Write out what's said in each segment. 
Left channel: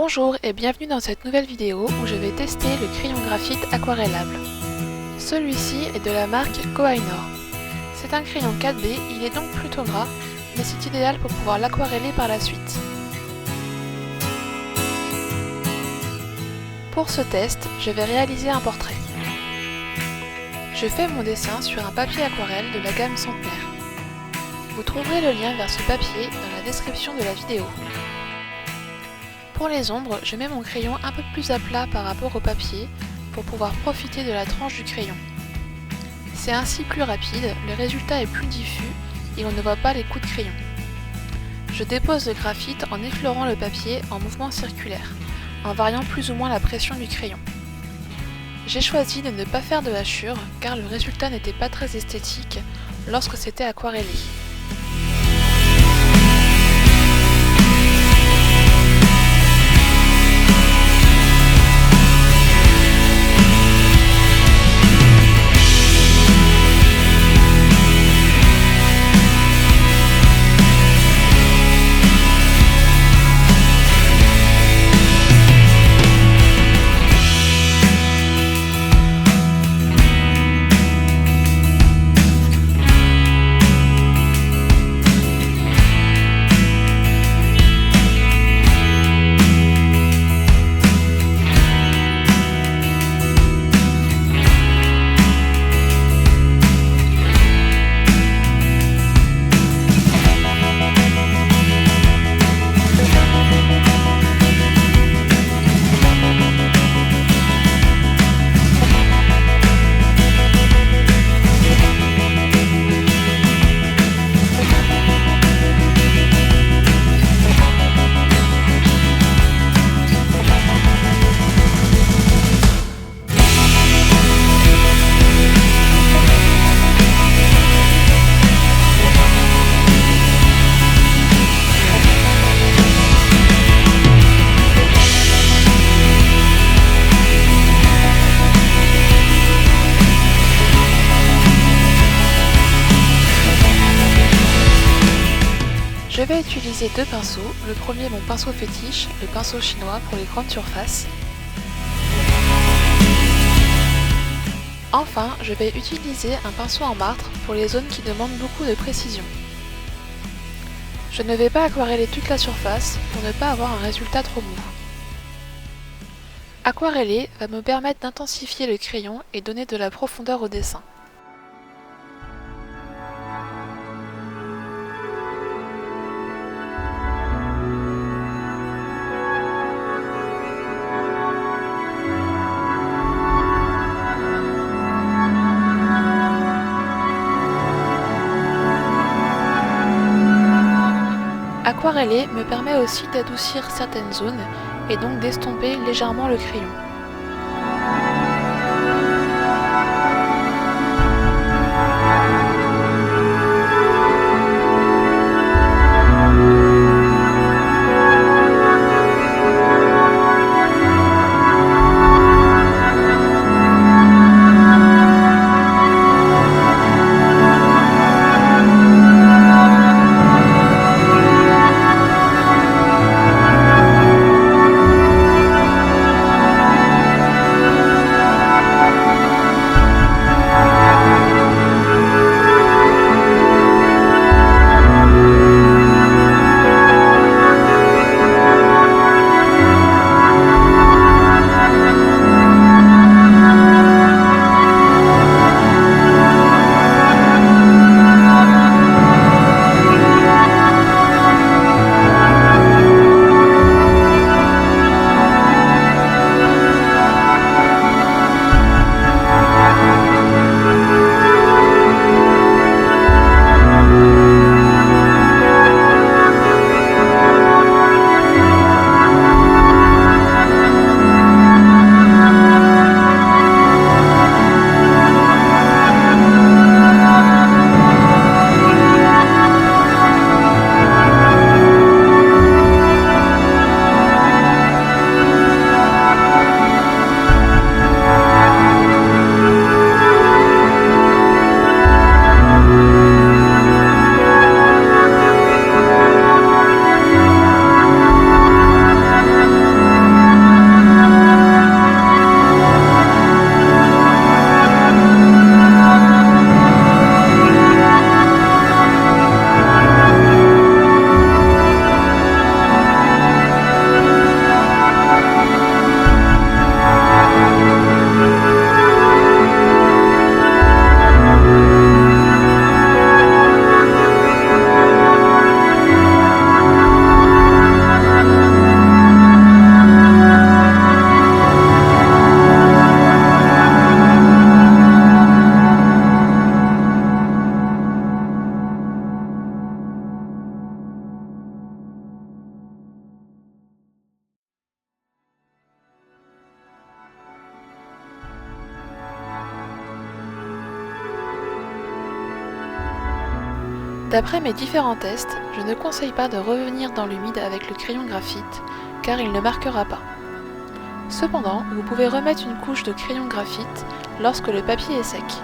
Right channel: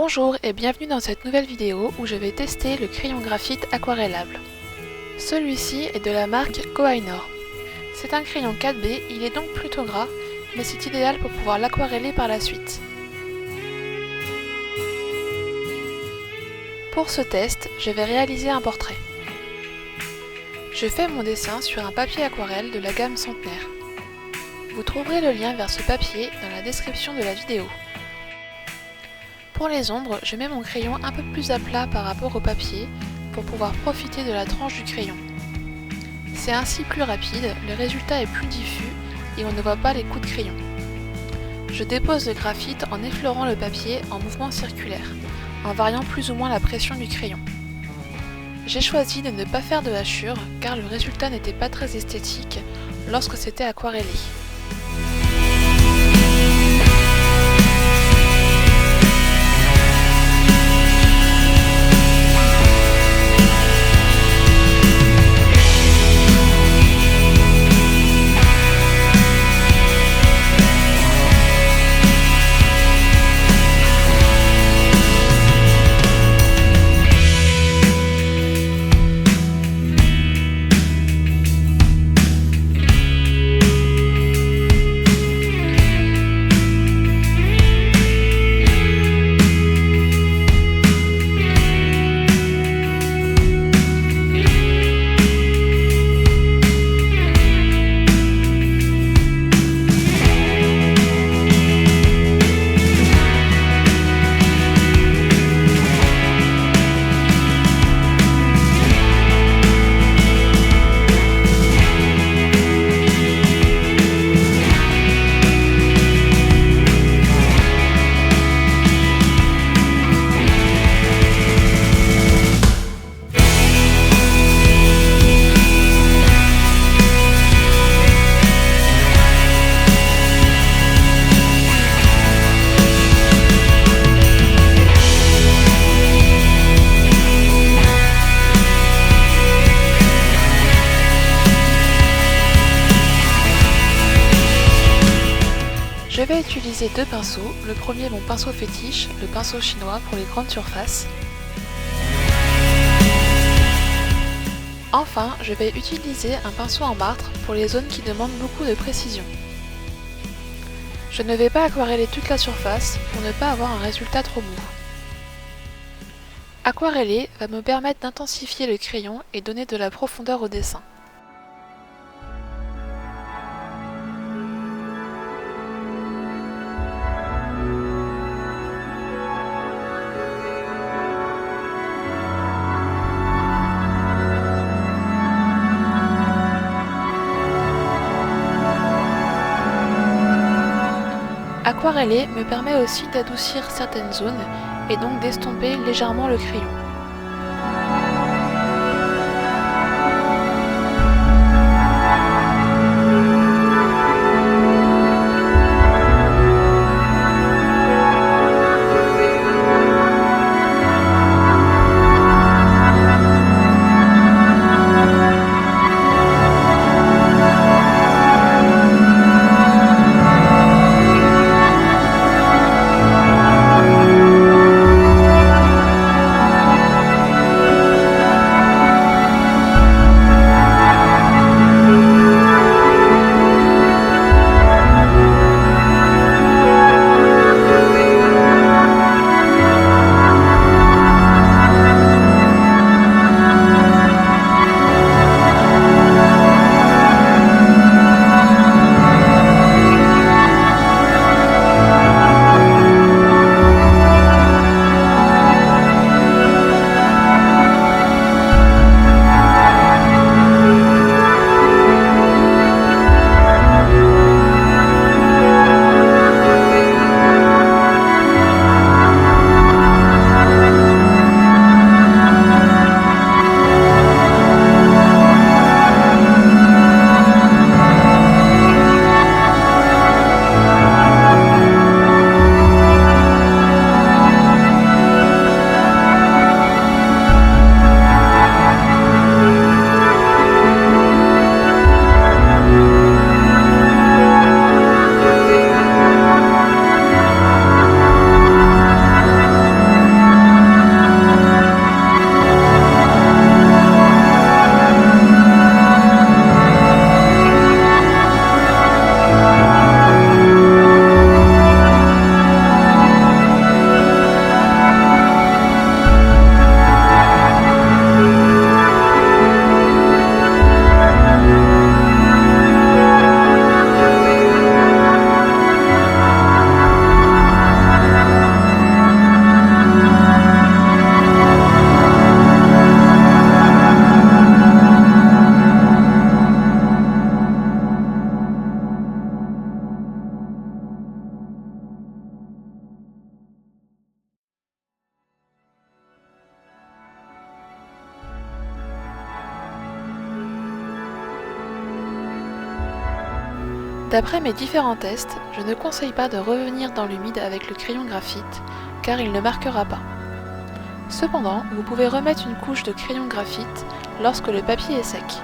Bonjour et bienvenue dans cette nouvelle vidéo où je vais tester le crayon graphite aquarellable. Celui-ci est de la marque Koh-i-Noor. C'est un crayon 4B, il est donc plutôt gras, mais c'est idéal pour pouvoir l'aquareller par la suite. Pour ce test, je vais réaliser un portrait. Je fais mon dessin sur un papier aquarelle de la gamme Centenaire. Vous trouverez le lien vers ce papier dans la description de la vidéo. Pour les ombres, je mets mon crayon un peu plus à plat par rapport au papier pour pouvoir profiter de la tranche du crayon. C'est ainsi plus rapide, le résultat est plus diffus et on ne voit pas les coups de crayon. Je dépose le graphite en effleurant le papier en mouvement circulaire, en variant plus ou moins la pression du crayon. J'ai choisi de ne pas faire de hachure car le résultat n'était pas très esthétique lorsque c'était aquarellé. Je vais utiliser deux pinceaux, le premier mon pinceau fétiche, le pinceau chinois pour les grandes surfaces. Enfin, je vais utiliser un pinceau en martre pour les zones qui demandent beaucoup de précision. Je ne vais pas aquareller toute la surface pour ne pas avoir un résultat trop mou. Aquareller va me permettre d'intensifier le crayon et donner de la profondeur au dessin. Aquareller me permet aussi d'adoucir certaines zones et donc d'estomper légèrement le crayon. D'après mes différents tests, je ne conseille pas de revenir dans l'humide avec le crayon graphite, car il ne marquera pas. Cependant, vous pouvez remettre une couche de crayon graphite lorsque le papier est sec.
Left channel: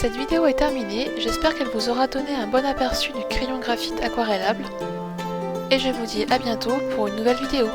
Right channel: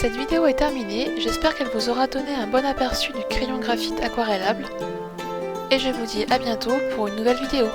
Cette vidéo est terminée, j'espère qu'elle vous aura donné un bon aperçu du crayon graphite aquarellable et je vous dis à bientôt pour une nouvelle vidéo.